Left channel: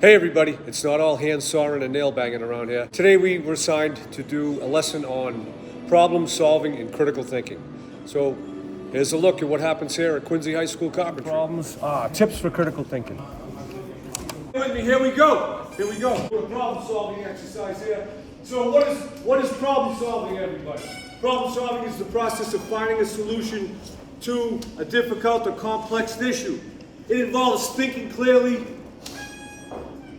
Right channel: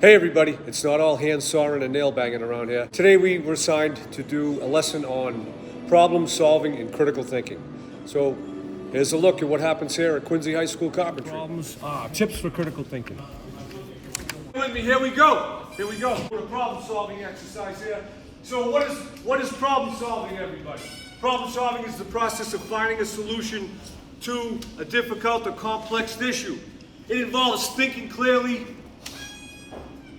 Hey everybody, it's not all hand sawing and nail banging around here. Today we were assigned to do a lesson on problem solving and critical thinking. So here's a look at what happens here at Quincy High School Carpentry. Tips for critical thinking. With me, here we go. Here we go. We're a problem solving exercise here. So what is problem solving, everybody? Problem solving is the process of finding a solution to a difficult or complex issue. It involves thinking clearly,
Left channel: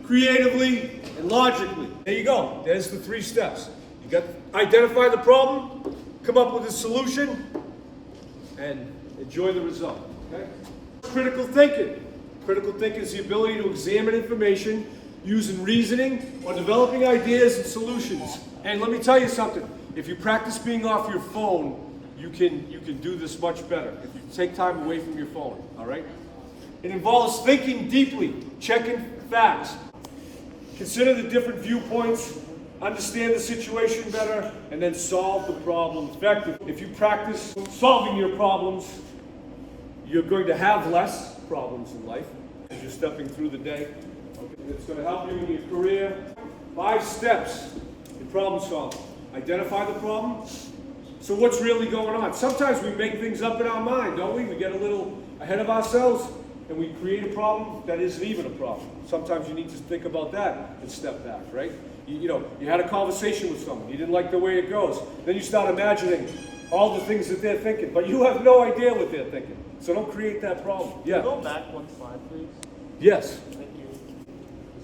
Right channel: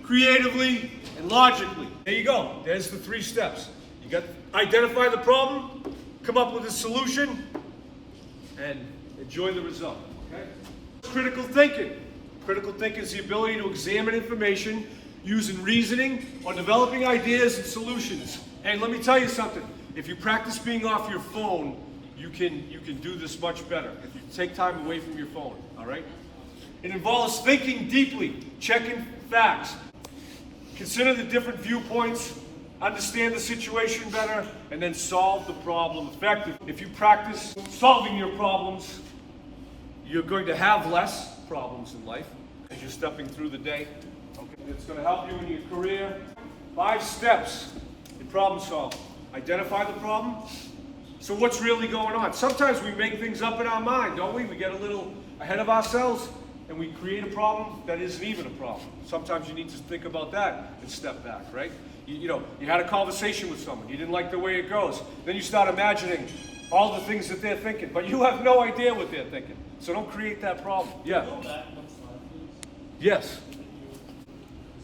creatively, and logically. There you go. There's the 3 steps. You got identify the problem, come up with a solution, and enjoy the result. Okay? Critical thinking. Critical thinking is the ability to examine information using reasoning or developing ideas and solutions. And let me tell you something. If you practice being off your phone, you can do this much better. If you take time away from your phone, all right? It involves thinking deeply, checking facts. Consider the different viewpoints, understand the situation better, and then solve the problem effectively. If you practice solving your problems, you're going to have less problems in life as you're stepping through the day. Okay. It's going to help you in your career. 5 steps in problem solving. Identify the problem. So what's really going on? Sometimes we make things up in our mind, don't we? We get a little ahead of ourselves and we create a problem that isn't even a problem. Sometimes you need to think about that and step back, right? You had a conversation with someone, you didn't like the way it goes. Then you start imagining all the things that they're thinking, but you have no idea what they're thinking. So don't create that problem. Yeah. Go back 1 slide, please. Yes. Thank you.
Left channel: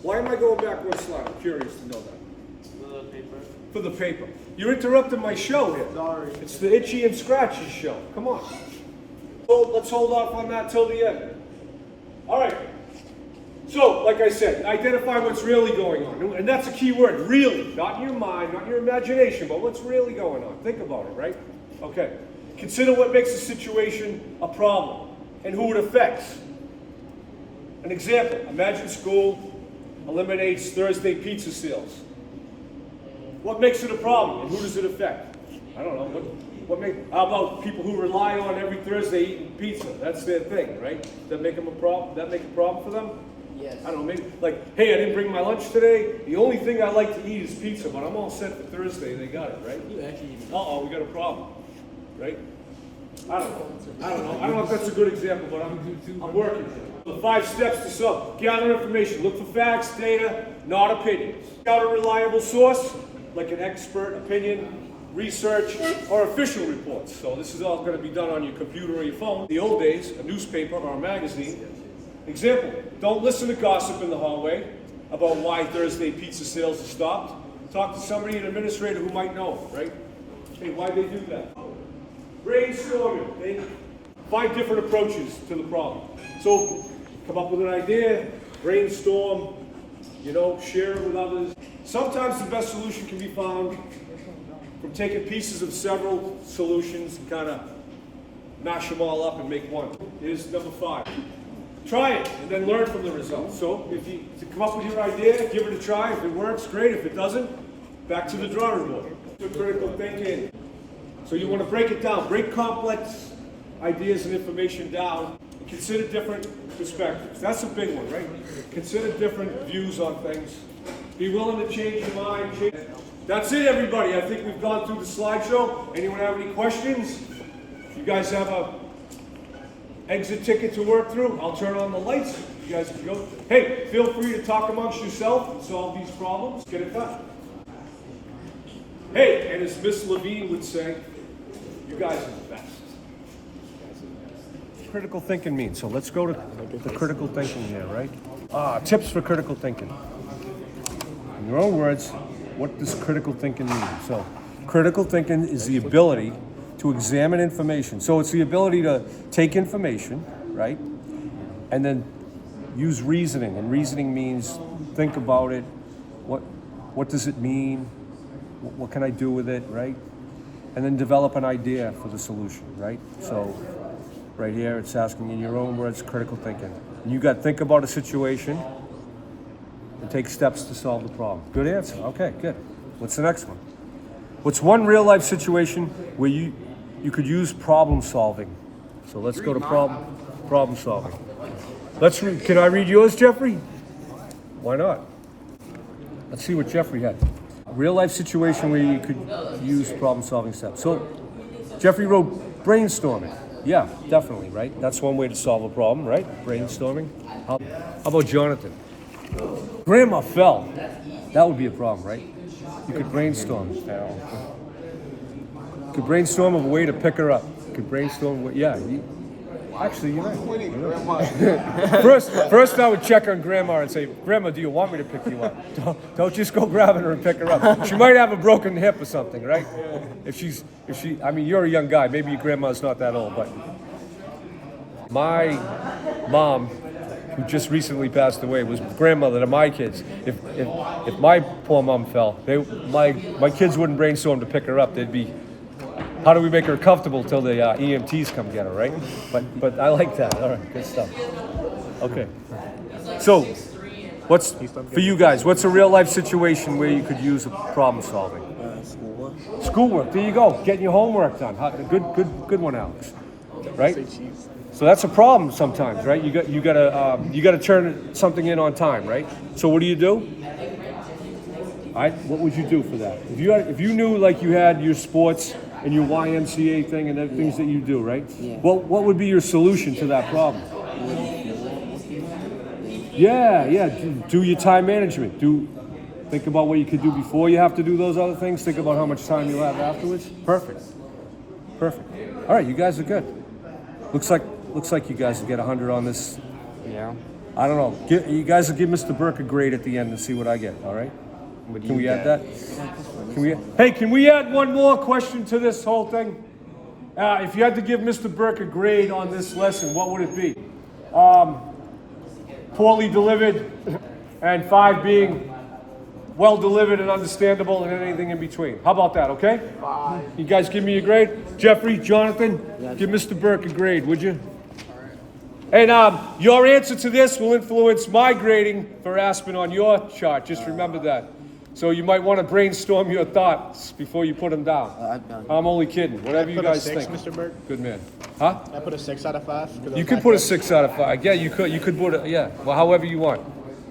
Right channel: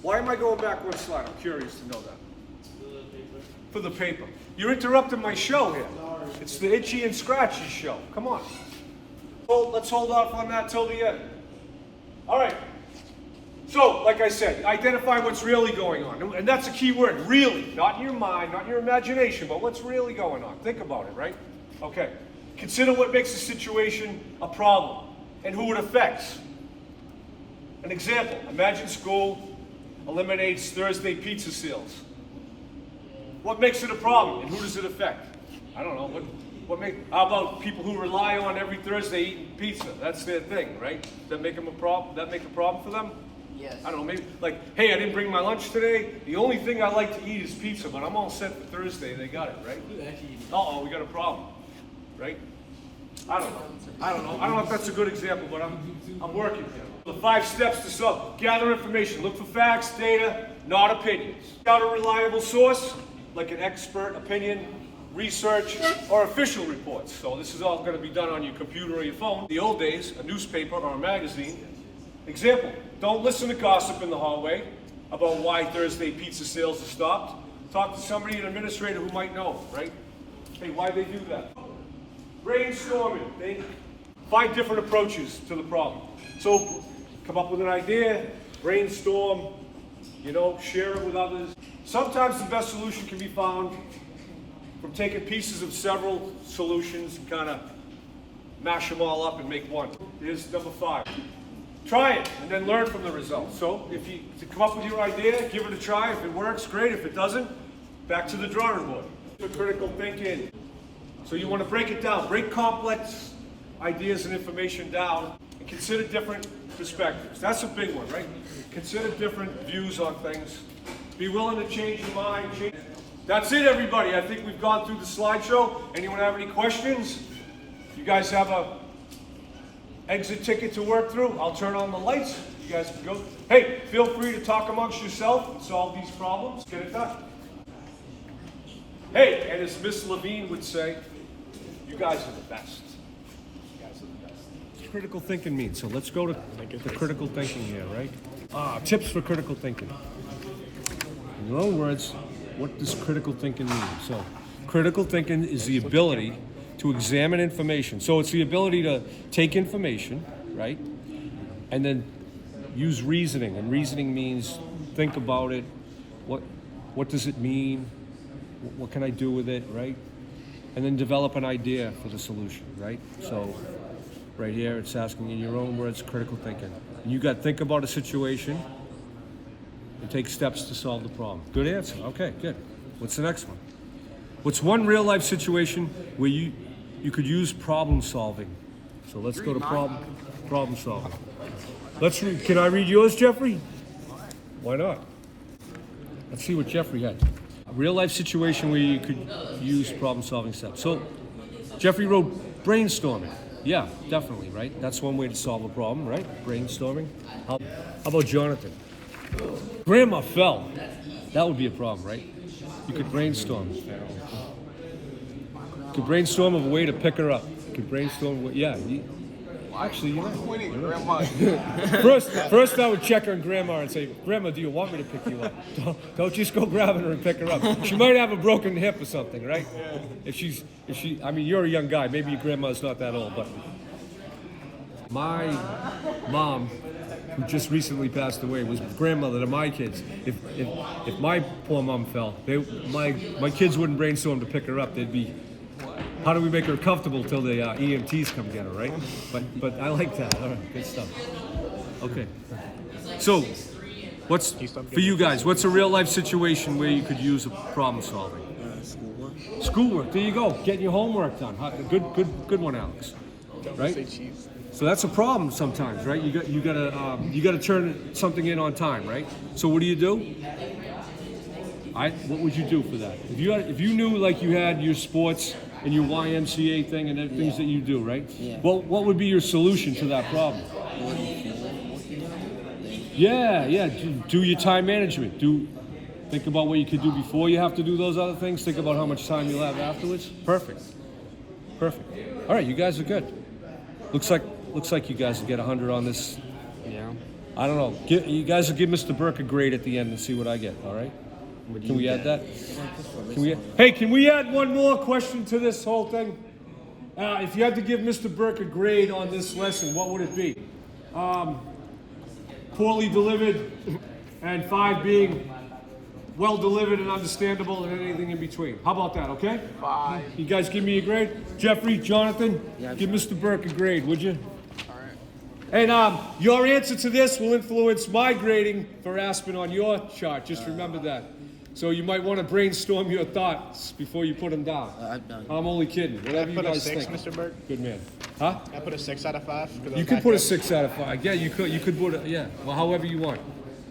Why am I going back 1 slide? I'm curious to know that. The paper. For the paper. You're interrupting my show here. Sorry. It's the Itchy and Scratchy show. Come on. Well, let's hold off on that till the end. All right. So, like I said, identify what's really going on. And that's a key word, really. Not in your mind, not in your imagination, but what's really going on. Think about it, right? Okay. Consider what makes a situation a problem and who it affects. An example, imagine school eliminates Thursday pizza sales. What makes it a problem and who does it affect? I don't know. How about people who rely on every Thursday eating pizza? That's their thing, right? Does that make them a problem? That make a problem for them? Yes. I don't know, maybe like, hey, I didn't bring my lunch today. The only thing I like to eat is pizza, but I'm all set for Thursday. They got it, right? Uh-oh, we got a problem, right? I don't know. I don't know if that's a good example, but I'm working here. The 5 steps to solve. Gather information. Look for facts, data, not opinions. Got a reliable source, like an expert opinion, research, or official reports. So this is all going to be done on your computer or your phone. In the old days, a newspaper or a magazine. Example, don't listen to gossip in the hallway about why Thursday pizza sales have stopped. Talk to somebody, an administrator who might know, right? Hey, why'd they do that? Brainstorming. 5 different approaches to the problem. So come up with an idea, brainstorm, share it with others. Sometimes the best solution can be found from taking pieces of several solutions and kind of mash them all up and make one. Here's number 5. Try it and then learn from the results. So if you come up with your idea, give it a try. If it works, great. If it doesn't, back to the drawing board. Critical thinking. So you want to break it down. Break complex ideas and information down and consider different perspectives. That's a big one, right? Consider different views on things. Be willing to change your mind. That's it, everybody. I think we've gone through the slideshow. Anyone have any questions? You guys have a exit ticket to work through? I'll turn on the lights. You guys can go. Hey, feel free to talk amongst yourself and solve these problems. Get it done. Hey, and as Miss Levine would say, you guys are the best. What's critical thinking mean? So let's go to the critical thinking here, right? Tips for critical thinking. In your own words, what does critical thinking mean? So critical thinking is the ability to examine information. So it's the ability to take information, right? And then use reasoning. And reasoning means think about it. What does it mean? What can I do with it, right? And then develop an idea for the solution, right? So right here, it's asking in your own words, critical thinking. And you got to think about a situation and take steps to solve the problem. Good answer. Okay, good. What's the next one? What's one real life situation where you could use problem solving? So let's go to problem solving. Can I read yours, Jeffrey? Why not? Let's see what Jeffrey had. A real life situation where you could use problem-solving steps. So, Jeffrey wrote brainstorming. Yeah, definitely, right? That's one way to solve a problem, right? Brainstorming. How about Jonathan? Grandma fell. That would be a problem, right? You could brainstorm. You could brainstorm of a way to pick her up. You could brainstorm, actually, you're right. First, I would check on Grandma and say, Grandma, do you want me to pick you up? Don't just go grabbing her and pick her up. She might have a broken hip or something, right? If she, I mean, you're a young guy. Maybe your grandma's not that old, but my mom, who just recently passed away, was grandmother to my kids. If my poor mom fell, my kids wouldn't brainstorm to pick her up. They'd be, how do we make her comfortable till the EMTs come get her, right? But I like that. All right, good stuff. Okay. So, for you guys, what's a real life situation where you could use a problem solving? Schoolwork. Schoolwork. There you go. Getting your homework done. Good one, Alex. Right? So that's a problem sometimes, right? You gotta turn something in on time, right? So what do you do? What would you do for that? If you knew like you had your sports and your YMCA thing and the things that you do, right? Yeah. What would be your solution to that problem? Yeah. Do your time management. Think about what you could do before you have to do those other things. Think about how much time you'll have afterwards. Perfect. All right, you guys are good. Looks like you guys will get 100 on this. Yeah. I don't know. You guys will give Mr. Burke a grade at the end and see what I get. All right? Can we add that? Can we add one more question to this whole thing? If you had to give Mr. Burke a grade on this lesson, what would it be? Poorly delivered, and 5 being well delivered and understandable, and anything in between. How about that, okay? 5. You guys give me a grade? Jeffrey, Jonathan, give Mr. Burke a grade, would you? And your answer to this will influence my grading for Aspen on your chart. Just remember that. So you might want to brainstorm your thoughts before you put them down. I'm only kidding. Whatever you guys think. Mr. Burke? Good man. Huh? I put a 6 out of 5. You could put a 6 out of 5. Yeah, you could. You could put a, yeah. Well, however you want.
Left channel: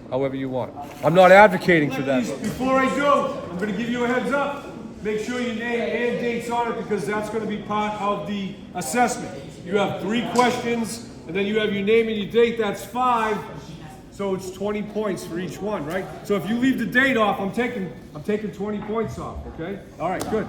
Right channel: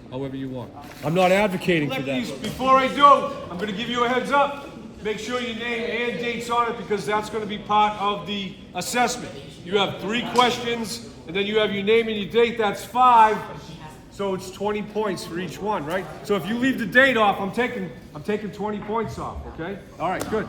However you want. I'm not advocating for that. Before I do, I'm going to give you a heads up. Make sure your name and date's on it because that's going to be part of the assessment. You have 3 questions, and then you have your name and your date. That's 5. So it's 20 points for each one, right? So if you leave the date off, I'm taking 20 points off, okay? All right, good.